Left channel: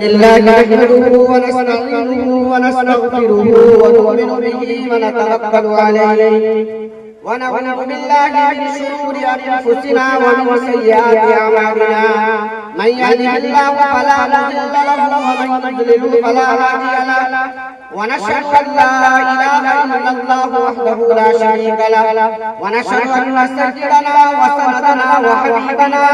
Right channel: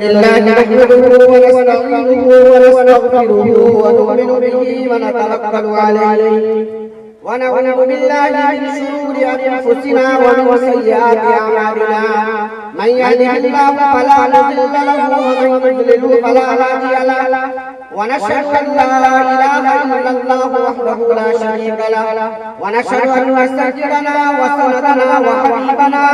لله نحمده ونستعينه ونستغفره ونؤمن به ونتوكل عليه ونعوذ بالله من شرور أنفسنا ومن سيئات أعمالنا من يهده الله فلا مضل له ومن يضلل فلا هادي له ونشهد أن لا إله إلا الله وحده لا شريك له ونشهد أن سيدنا وسندنا وحبيبنا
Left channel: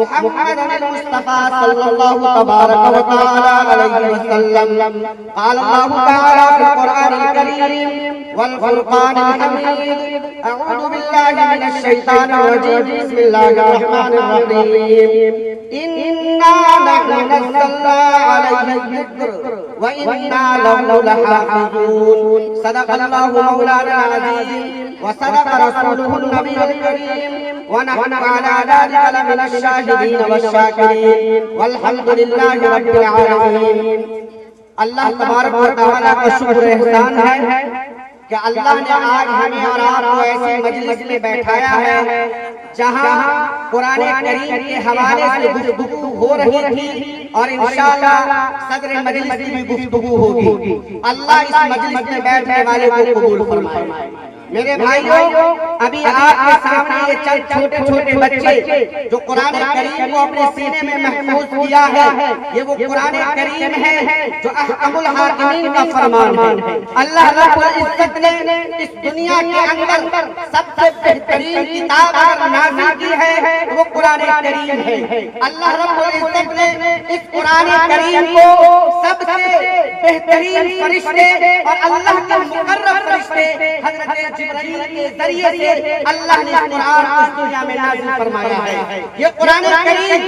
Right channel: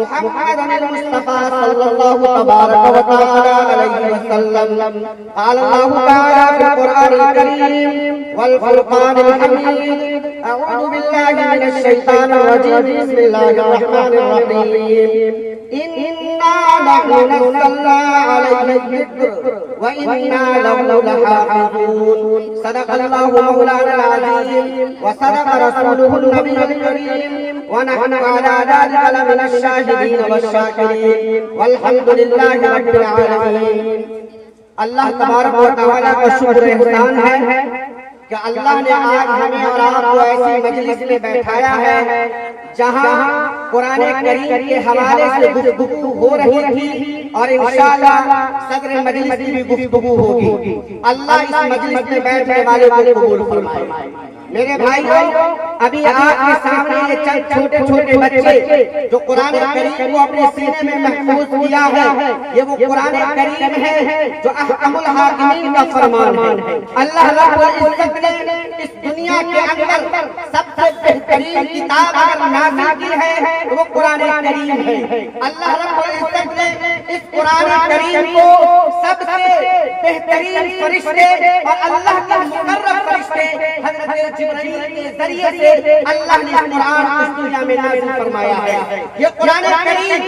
محمدا المصطفى صلى الله تبارك وتعالى عليه وسلم قال الله تعالى في القرآن الكريم والفرقان الحميد أعوذ بالله من الشيطان الرجيم بسم الله الرحمن الرحيم إنا نحن نزلنا عليك الذكر وإنا له لحافظون صدق الله مولانا العظيم وصدق رسوله النبي الكريم ونحن على ذلك لمن الشاهدين والشاكرين والحمد لله رب العالمين. اللہ تبارک و تعالیٰ کا شکر احسان ہے کہ اللہ نے آج ہمیں اور آپ کو ایسی مجلس میں بیٹھایا ہے جہاں قرآن کریم کے حوالے سے گفتگو ہو رہی تھی اور انشاءاللہ صدر مجلس کی بھی گفتگو ہوگی. اللہ اس مجلس میں بیٹھنے والے کو قبول فرمائے. میرے بھائیوں، ابھی آپ کے سامنے یہ چند چھوٹے چھوٹے بچے جو قرآن کریم کو اپنے سینے میں محفوظ کیا ہے، یہ وہ قرآن کریم ہے جو احکم الحاکمین کا فرمان ہے. اللہ رب العزت نے اس دنیا کے اندر سب سے بہترین کتاب اگر نازل کی ہے وہ قرآن کریم ہے. اللہ رب العزت نے اس قرآن کریم کو سب سے بہترین فرشتے اور اللہ کے مقرب فرشتے حضرت جبرائیل کے ذریعے سے اللہ نے قرآن اس دنیا میں نازل فرمایا ہے. یہ قرآن کریم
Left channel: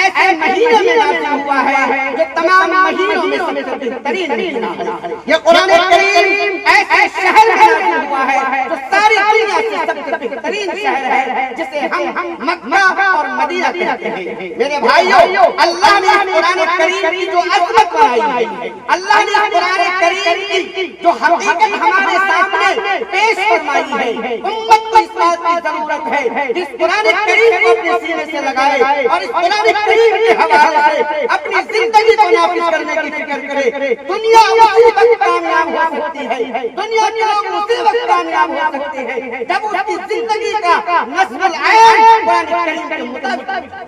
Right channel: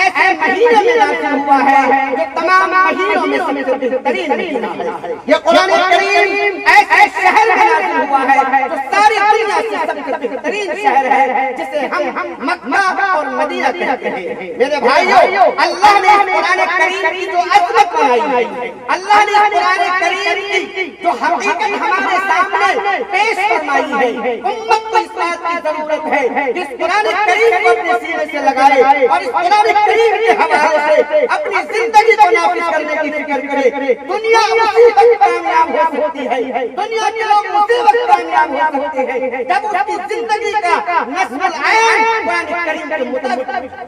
ایسے مہینے میں نازل ہوا ہے جو تمام مہینوں میں سب سے بہترین مہینہ ہے. یہ قرآن کریم ایسے شہر میں نازل ہوا ہے جو ساری دنیا سے سب سے بہترین شہر ہے جسے ہم مکہ اور مدینہ کہتے ہیں. میرے بھائیوں، اللہ نے قرآن کریم کی جو عظمت بنائی ہے، اللہ نے قرآن کریم کی جو حقیقت ہمارے سامنے پیش فرمائی ہے، امت کو اس بات کی ضرورت ہے جس قرآن کریم کو اپنے سینے سے لگائے اور اس قرآن کریم کے حوالے سے اپنی زندگی کو نافذ کرنے کی فکر کرے. دنیا اسی وقت کامیاب ہو سکتی ہے، دنیا کے لوگ اسی وقت کامیاب ہو سکتے ہیں جب اس کی زندگی کا نصب العین قرآن کریم کے مطابق.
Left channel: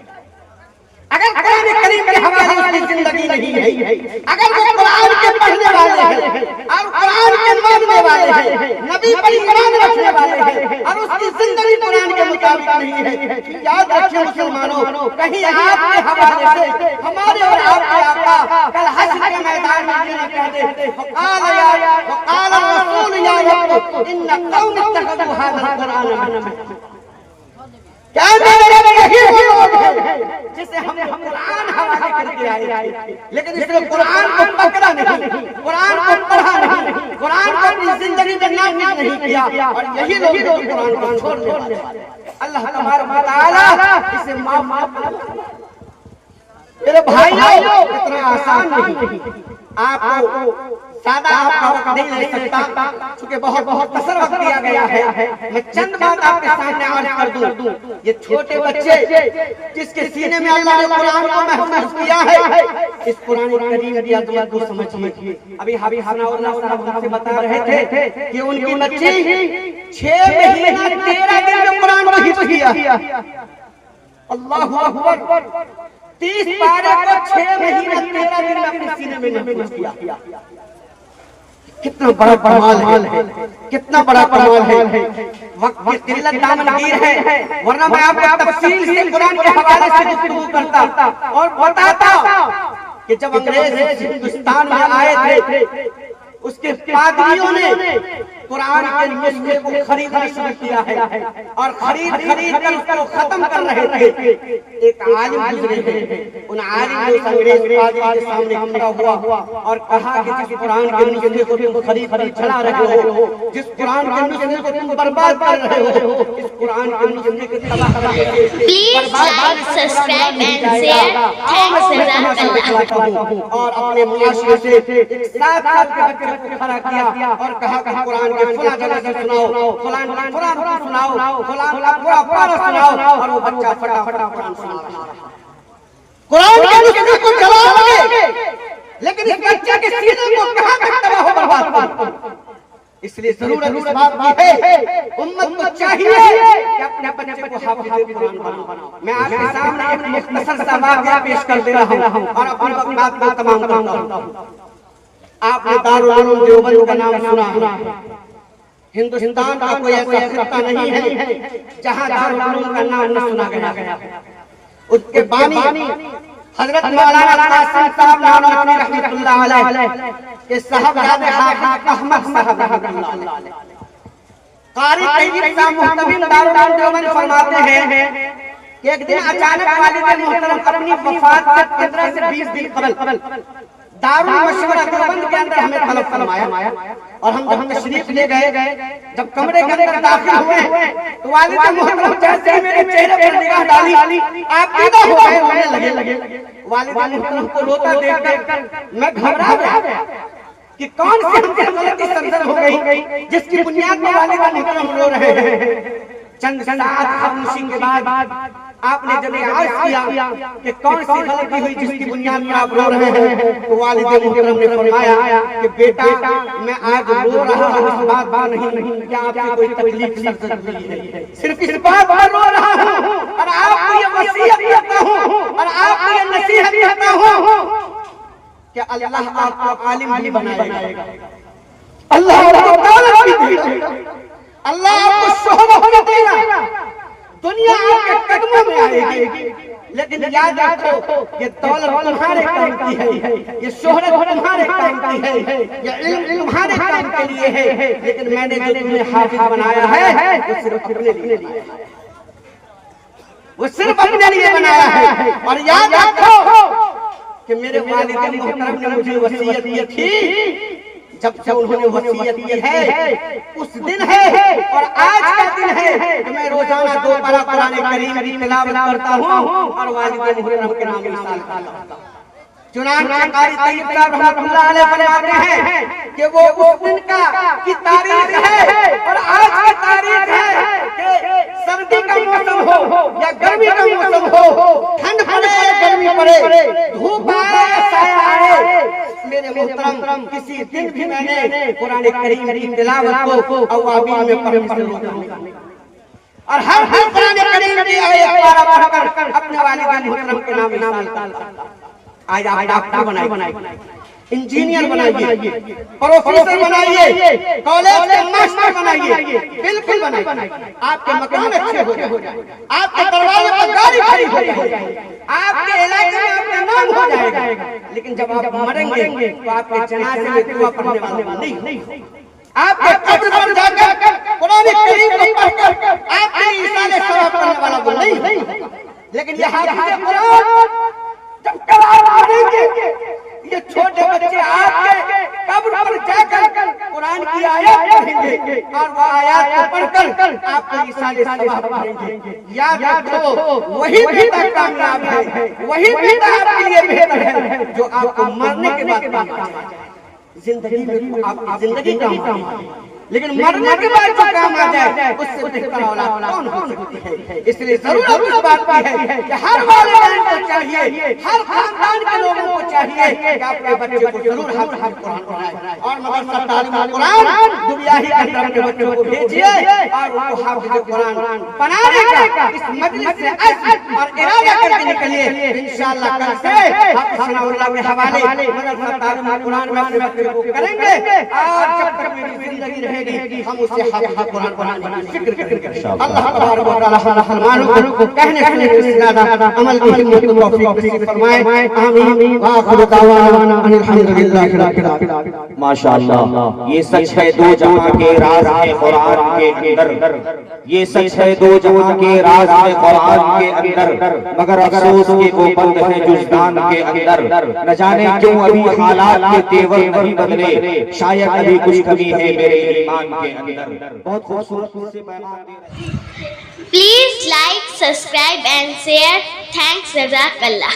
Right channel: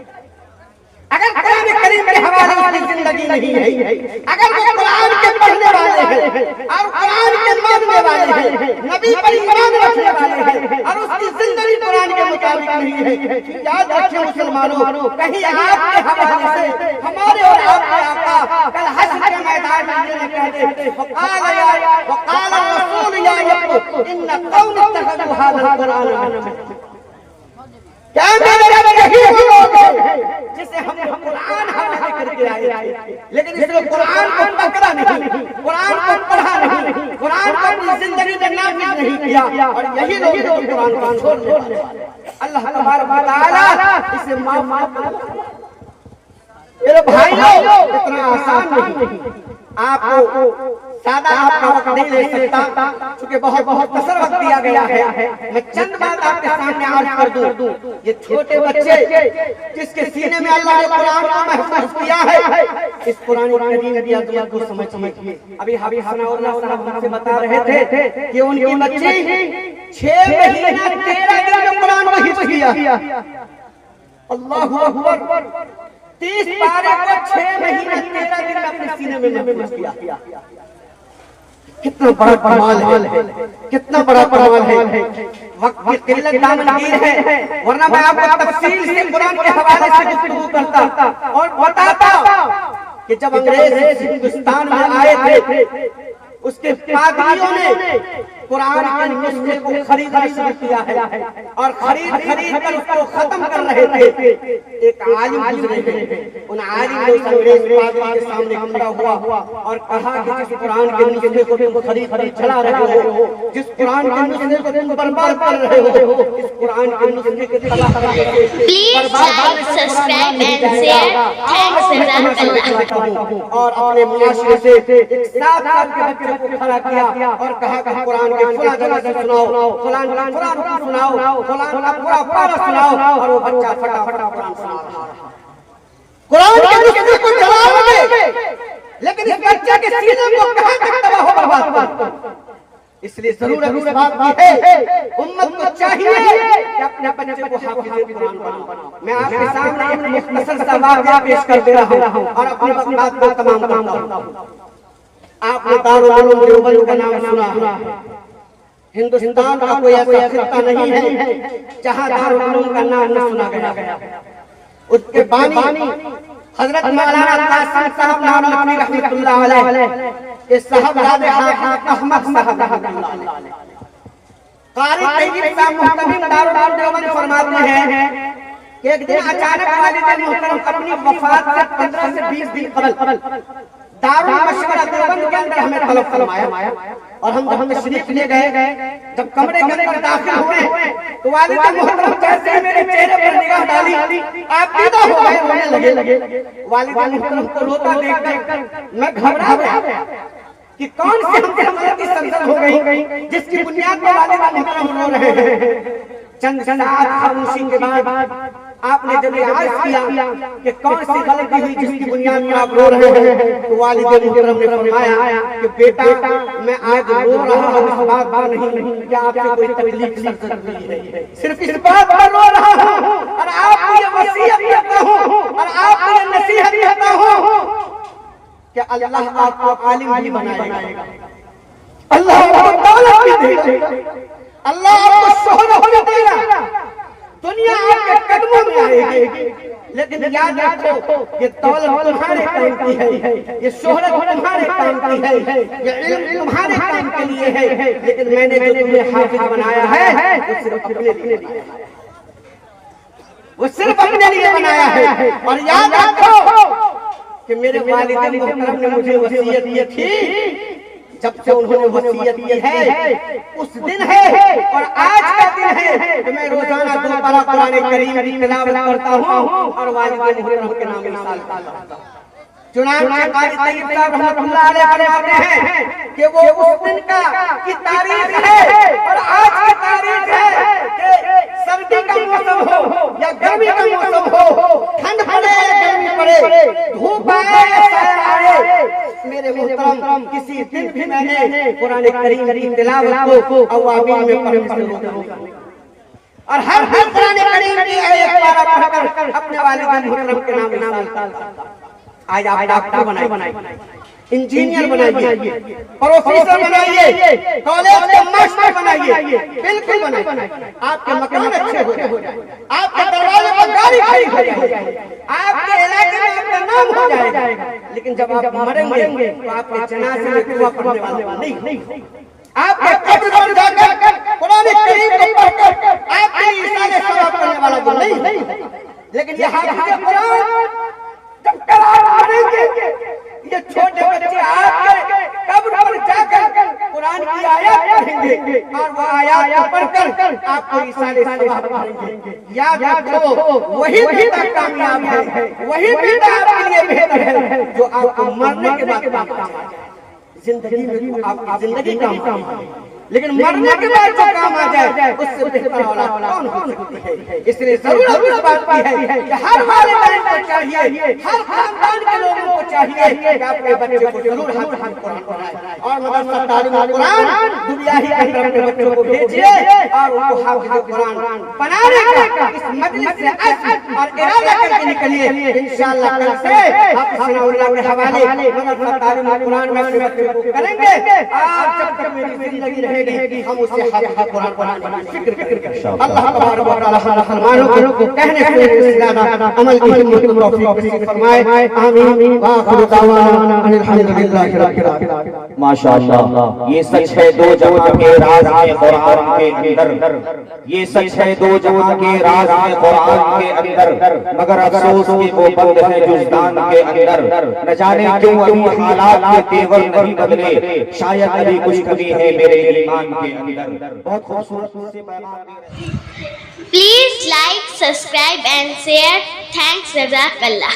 اگر قرآن کریم کے حوالے اس کی زندگی نہیں ہے، اگر وہ قرآن کے پڑھنے والے ہیں اور قرآن کے ماننے والے ہیں، نبی پر ایمان رکھنے والے ہیں اور اس کی زندگی قرآن کے مطابق نہیں ہے، یاد رکھیں مسلمانوں، کہیں آپ کے حوالے سے ہمارے اور آپ کے آقا کل حشر کے میدان میں یہ نہ کہہ دے وقال الرسول یا رب ان قوم اتخذوا هذا القرآن مهجورا. کیا یہی وہ لوگ ہیں جسے ہم نے قرآن حوالے کر کے آئے تھے، لیکن اس نے قرآن کو پکڑا نہیں، قرآن کو پڑھا نہیں، قرآن کو اپنی زندگی میں نافذ نہیں کیا، اور یہی لوگ قرآن کو چھوڑنے والے. اللہ تبارک و تعالی اسے معاف کرے. میرے بھائیوں، اتنا آسان نہیں. آپ کو سادہ آپ کا وقت نہیں لے سکتا چونکہ بہت مختصر وقت دیا گیا ہے. میں چند بات آپ کے سامنے عرض کر دوں. یہ چھوٹے بچے جس کے سینے میں اللہ نے قرآن کو محفوظ کیا ہے، اس قرآن کریم کی عظمت کو سمجھیے. ابھی حبیب ثناء اللہ صاحب ہم سے بتا رہے تھے کہ ان کی بچی 6 مہینہ 13 دن میں قرآن کو حفظ کیا. اللہ اکبر. 30 پارے کو 6 مہینہ 13 دن اپنے سینے میں محفوظ کیا. کتنا بڑا کمال ہے، کتنا بڑا کمال ہے. وقت کی قلت دامنگیر ہے، ورنہ میں آپ کو تفصیل سے قرآن کے حوالے سے گفتگو کرتا اور بتاتا کہ جب انگریز ہندوستان میں آئے تھے اس کے پادریوں نے قرآن کے نسخے کو خریدنا شروع کیا ہے اور خرید کر اس کو ختم کر رہے تھے. ایک عالم گزرے ہیں، ان عالم نے انگریز پادری کے سامنے کھڑا ہوا اور کہا کہ جس قرآن کے نسخے کو تم خرید چلا رہے ہو، جس قرآن کے نسخے کو تم برباد کر رہے ہو، اس قرآن کے نسخے کے تباہ کرنے کے لیے Please like, subscribe and share. Thanks Jazakallah. اور اپنے معاشرے سے ایک 7 سال کے بچے کو کھڑا کیا اور کہا کہ قرآن کے فلاں جگہ سے سناؤ، فلاں سناؤ، فلاں کا پورا پارا سناؤ، اور وہ بچہ فٹافٹ قرآن سناتا. قرآن کے نسخے کو چلانے لیکن اس بچے کے سینے کو کہاں تک تباہ و برباد کریں؟ اس لیے ضرورت اس بات کی ہے امت کو چاہیے کہ اپنے بچے کو حافظ قرآن بنائے. میں آپ کے سامنے ایک مختصر سا واقعہ پیش کر دے رہا ہوں اور اپنی بات کو تمام کرتا ہوں. آپ نے دارالعلوم دیوبند کا نام سنا ہے. ہندوستان کا کوئی ایسا خطہ نہیں ہے جہاں دارالعلوم کا نام نہ سنا گیا. اس کے بانی حضرت مولانا قاسم صاحب نانوتوی رحمۃ اللہ علیہ کہ صاحبزادے حافظ احمد صاحب رحمۃ اللہ علیہ. قاری طیب صاحب محتمم دارالعلوم دیوبند فرماتے ہیں کہ ایک دن اچانک والد محترم اپنی وفات سے 15 سے 20 دن قبل دارالمشورہ دیوبند کے اندر ہمیں طلب فرمایا اور ہم جب تشریف لے گئے. جب کمرے کے اندر داخل ہوئے تو والد محترم جیسے ہی میرے چہرے پر نگاہ ڈالی عقیدہ ہو گئے رونے لگے. والد محترم کو روتا دیکھ کر میں گھبرا گیا کہ کون سی ہم سے غلطی سرزد ہو گئی جس کی بنیاد پر والد محترم رو رہے ہیں. چند ساعت خاموشی کے بعد آپ نے جب یہ عرض کیا کہ کون سی غلطی ہوئی جس کی بنیاد پر آپ رو رہے ہیں تو والد محترم نے فرمایا کہ بیٹا میں آج رو رہا ہوں اس بات پر نہیں کہ آپ سے کوئی تکلیف سرزد ہوئی ہے, صرف اس بات پر رو رہا ہوں اور آپ کو یہ وصیت کرتا ہوں اور آپ کو یہ نصیحت کرتا ہوں کہ اللہ آپ کو عالم بھی بنائے گا, اللہ آپ کو دولت بھی دے گا, اللہ آپ کو شہرت بھی دے گا, دنیا آپ کے قدموں میں آئے گی. لیکن یاد رکھو یہ دولت تمہارے کام کی ہے, یہ شہرت تمہارے کام کی ہے, یہ علم تمہارے کام کے لیے ہے, لیکن میں نے جو تمہیں حافظ بنایا ہے وہ صرف اپنے لیے وہ صرف اپنے لیے بنایا ہے. اور یاد رکھو کہ میرے والد محترم نے مجھے وصیت کی تھی, جب سے انہوں نے وصیت کی ہے اس دن ہے اور آج کا دن ہے کہ میں روزانہ 2 پارہ قرآن کریم کی تلاوت کرتا ہوں اور والد محترم کے نام مثال کرتا ہوں. چنانچہ قاری طیب صاحب رحمۃ اللہ علیہ فرماتے ہیں کہ وہ اس دن کی تاریخ ہے اور آج کی تاریخ ہے کہ سردی کا موسم ہو یا گرمی کا موسم ہو, ٹھنڈ پڑے یا گرمی پڑے, دھوپ آئے یا سایہ آئے, میرے محترم کسی دن بھی میں نے قرآن کریم کی تلاوت کو اوابین میں پڑھنے سے روکا ہوں اور ہر قرآن کریم کی آیت پارہ پڑھ کر اپنے والد محترم کے نام مثال کرتا ہوں. آج آپ ڈاکٹر بنائیے, انجینئر بنائیے, پروفیسر بنائیے, کالج کے ماسٹر بنائیے, بالکل بنائیے, آپ کے مکان اچھے ہو جائیں, آپ کے دروازے پر گاڑی کھڑی ہو جائے, آپ کے علاقے میں آپ کا نام ہو جائے گا, لیکن جب آپ مریں گے تو آپ کے جنازے میں دعا پڑھنے والے نہیں, آپ کے قبر پر جا کر قرآن کریم کو پڑھ کر آپ کے ایصال ثواب کرنے والا وہ نہیں. لیکن یہ حافظ قرآن جب قرار پڑھیں گے یہ چھوٹے بچے آپ کے قبر پر جا کر قرآن کی آیات پڑھیں گے اور وہ آیات پڑھ کر آپ کو ایصال ثواب کریں گے. یاد رکھو وہی بیٹا کامیاب ہے, وہی بیٹا آپ کے لیے بہتر ہے جو آپ کو مرنے کے بعد کام آ جائے. زندگی میں آپ کی زندگی کام آئے لیکن مرنے کے بعد جو کام آ جائے اس سے بہتر اولاد کون ہو سکتی ہے. اس لیے ضرورت اس بات کی ہے کہ ہر والدین کو چاہیے, ہر خاندان کے لوگوں کو چاہیے کہ اپنے بچے کو ضرور حافظ قرآن بنائیں اور مدرسہ تعلیم قرآن دنیا ہی کے اندر اپنے بچوں کو بھیجیے اور ان کو حافظ قرآن بنانے کا اس مجلس سے عزم اور ارادہ کر کے نکلیے. انشاءاللہ کل سے حافظ ثناء اللہ کے حوالے مدرسہ تعلیم قرآن میں اپنے بچوں کو کریں گے اور جب تک میری زندگی رہے گی ہم اسے حافظ قرآن بنانے کی فکر کریں گے. اللہ تبارک و تعالی ہم مسلمانوں کو کہنے سننے سے زیادہ عمل کی توفیق نصیب فرمائے. آمین. وآخر دعوانا ان الحمدللہ رب العالمین. ماشاءاللہ یہ سچ ہے دو جہاں کے راز ہے قرآن کے اندر, یہ سچ ہے دو جہاں کے راز ہے قرآن کے اندر, مگر افسوس کہ وہ بند ہے جزدان کے اندر. نہ جانے کیوں ابھی حالات کے تیور نہیں بدلے, شاید ابھی کچھ کمی ہے میرے ایمان کے اندر. بہت خوبصورت سے بیان دے رہے ہیں. Please like, subscribe and share. Thanks, Jazakallah.